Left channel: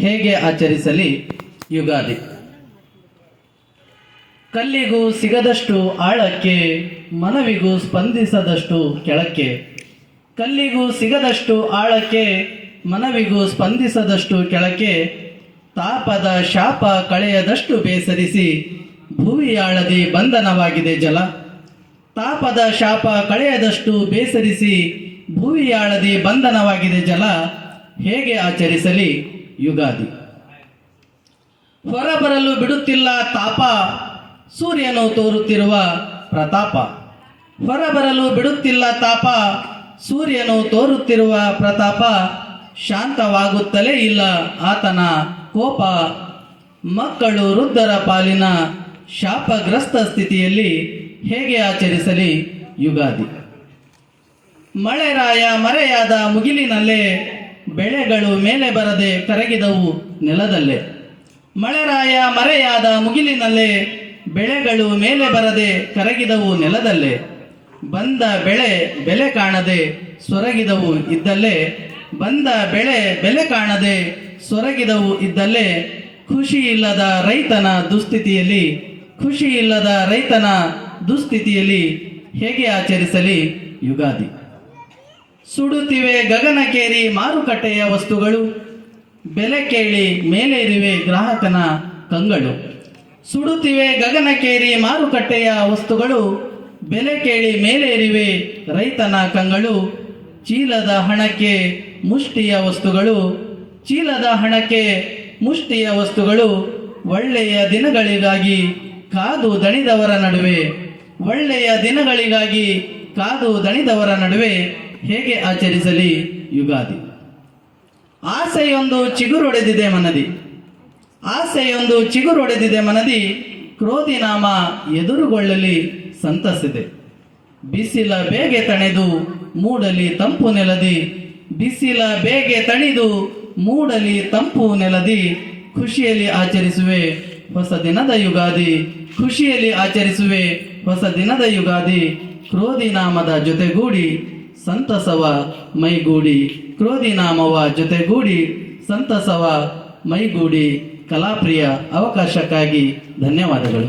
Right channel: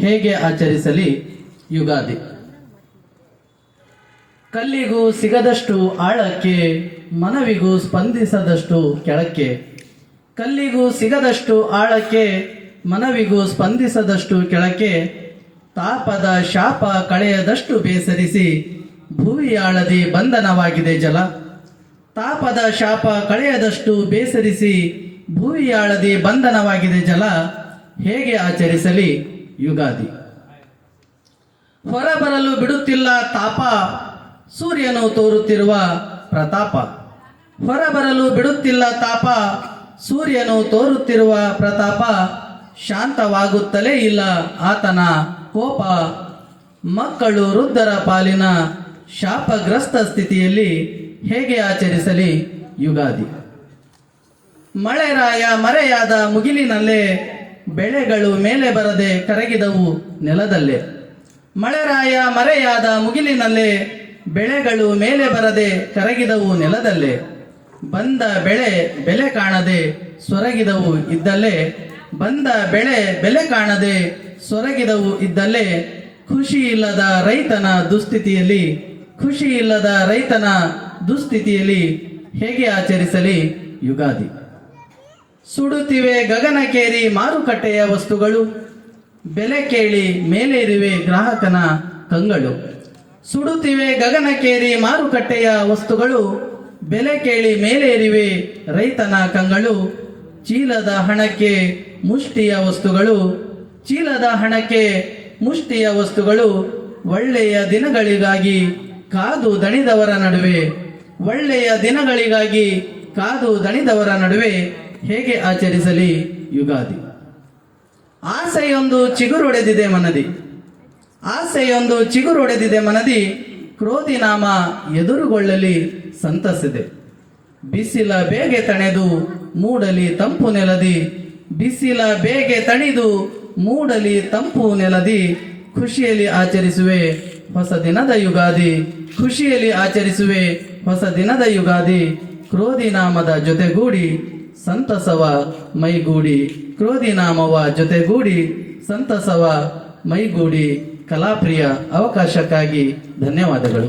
ಹೇಗೆ ಆಚರಿಸಲಿ ಯುಗಾದಿ? ಕಲ್ಲಿಗೂ ಸಿಗದಷ್ಟು ಆಳಕ್ಕೆ, ಮನವಿಗೂ ಸ್ಪಂದಿಸದಷ್ಟು ಕೆಳಕ್ಕೆ. ಕಲ್ಲಿಗೂ ಸಿಗದಷ್ಟು ಆಳಕ್ಕೆ, ಮನವಿಗೂ ಸ್ಪಂದಿಸದಷ್ಟು ಕೆಳಕ್ಕೆ. ತಾಪದ ಶಾಪ ಕಳೆಯದಷ್ಟು ಬೇಸರಿಸಿ, ಭುವಿಯಾಳದಿ ಬಂಧನವಾಗಿದೆ ಜಲ. ತಾಪದ ಶಾಪ ಕಳೆಯದಷ್ಟು ಬೇಸರಿಸಿ, ಭುವಿಯಾಳದಿ ಬಂಧನವಾಗಿದೆ ಜಲ. ಹೇಗೆ ಆಚರಿಸಲಿ ಯುಗಾದಿ? ಹೊರಬರಲು ಬಿಡುತ್ತಿಲ್ಲ ತಾಪ, ಸೂರ್ಯನು ತೋರುತ್ತಿರುವ ಪ್ರತಾಪ. ಹೊರಬರಲು ಬಿಡುತ್ತಿಲ್ಲ ತಾಪ, ಸೂರ್ಯನು ತೋರುತ್ತಿರುವ ಪ್ರತಾಪ. ಶಾಂತವಾಗುತ್ತಲೇ ಇಲ್ಲ ಆತನ ಕೋಪ. ಮಕ್ಕಳು ವೃದ್ಧರ ಪಾಲಿನ ಶಾಪಗ್ರಸ್ತ ಸ್ಥಿತಿಯಲ್ಲಿ ಹೇಗೆ ಆಚರಿಸಲಿ ಯುಗಾದಿ? ಮಳೆರಾಯ ಮರೆಯಾದ ಮುಗಿಲಿನಲ್ಲೇ, ಬೆಳೆಗಳು ಮೇಲೆ ಬರದೆ ಕರಗಿದವು ನೆಲದಲ್ಲೇ. ಮಳೆರಾಯ ಮರೆಯಾದ ಮುಗಿಲಿನಲ್ಲೇ, ಬೆಳೆಗಳು ಮೇಲೆ ಬರದೆ ಕರಗಿದವು ನೆಲದಲ್ಲೇ. ಬಂದ ಬೆಳೆ ಬೆಲೆ ಕಾಣದೆ ಸೊರಗಿದವು ಇದ್ದಲ್ಲೇ. ಬಂದ ಬೆಳೆ ಬೆಲೆ ಕಾಣದೆ ಸೊರಗಿದವು ಇದ್ದಲ್ಲೇ. ಖುಷಿ ಇಲ್ಲದ ರೈತನ ದುಸ್ಥಿತಿಯಲ್ಲಿ, ಖುಷಿ ಇಲ್ಲದ ರೈತನ ದುಸ್ಥಿತಿಯಲ್ಲಿ ಹೇಗೆ ಆಚರಿಸಲಿ ಯುಗಾದಿ? ಸುಡುತ್ತಿವೆ ಗಗನಕೇರಿ ಮಾರುಕಟ್ಟೆಯ ವಸ್ತುಗಳು, ಬೆಲೆ ಕೇಳಿ ಮೇಲೇರಿವೆ ಗ್ರಾಹಕನ ಕಂಗಳು. ಸುಡುತ್ತಿವೆ ಗಗನಕೇರಿ ಮಾರುಕಟ್ಟೆಯ ವಸ್ತುಗಳು, ಬೆಲೆ ಕೇಳಿ ಮೇಲೇರಿವೆ ರೈತನ ಕಂಗಳು. ಚೀಲದ ಹಣಕ್ಕೆ ಮುಷ್ಟಿಯ ವಸ್ತುಗಳು, ಚೀಲದ ಹಣಕ್ಕೆ ಮುಷ್ಟಿಯ ವಸ್ತುಗಳು. ಒಳ್ಳೆಯ ದಿನಗಳಿಗಾಗಿ ಕಾದು ದಣಿದವರ ನಡುವೆ, ಒಳ್ಳೆಯ ದಿನಗಳಿಗಾಗಿ ಕಾದು ದಣಿದವರ ನಡುವೆ ಹೇಗೆ ಆಚರಿಸಲಿ ಯುಗಾದಿ? ಆಸೆಯೊಂದು ಚಿಗುರೊಡೆದಿದೆ ಮನದಿ, ಆಸೆಯೊಂದು ಚಿಗುರೊಡೆದಿದೆ ಮನದಿ. ಕ್ರೋಧಿ ನಾಮ ಎದುರುಗೊಳ್ಳಲಿ ಸಂತಸಿದೆ. ಬಿಸಿಲ ಬೇಗೆ ತಣೆದು ಮೂಡಲಿ ತಂಪು ನೆಲದಿ, ಬಿಸಿಲ ಬೇಗೆ ತಣಿದು ಮೂಡಲಿ ತಂಪು ನೆಲದಿ. ಖುಷಿಯಲ್ಲಿ ಆಚರಿಸುವೆ ಹೊಸ ದಿನದ ಯುಗಾದಿ, ಖುಷಿಯಲ್ಲಿ ಆಚರಿಸುವೆ ಹೊಸ ದಿನದ ಯುಗಾದಿ. ಕ್ರೋಧಿ ನಾಮದ ಜೊತೆಗೂಡಿ ಸಂತಸವ ಮೈಗೂಡಿ, ಕ್ರೋಧಿ ನಾಮವ ಜೊತೆಗೂಡಿ ಸಂತಸವ ಮೈಗೂಡಿ. ಕಲಾಪ್ರಿಯ ಅವಕಾಶಕ್ಕಾಗಿ ಧನ್ಯವಾದಗಳು.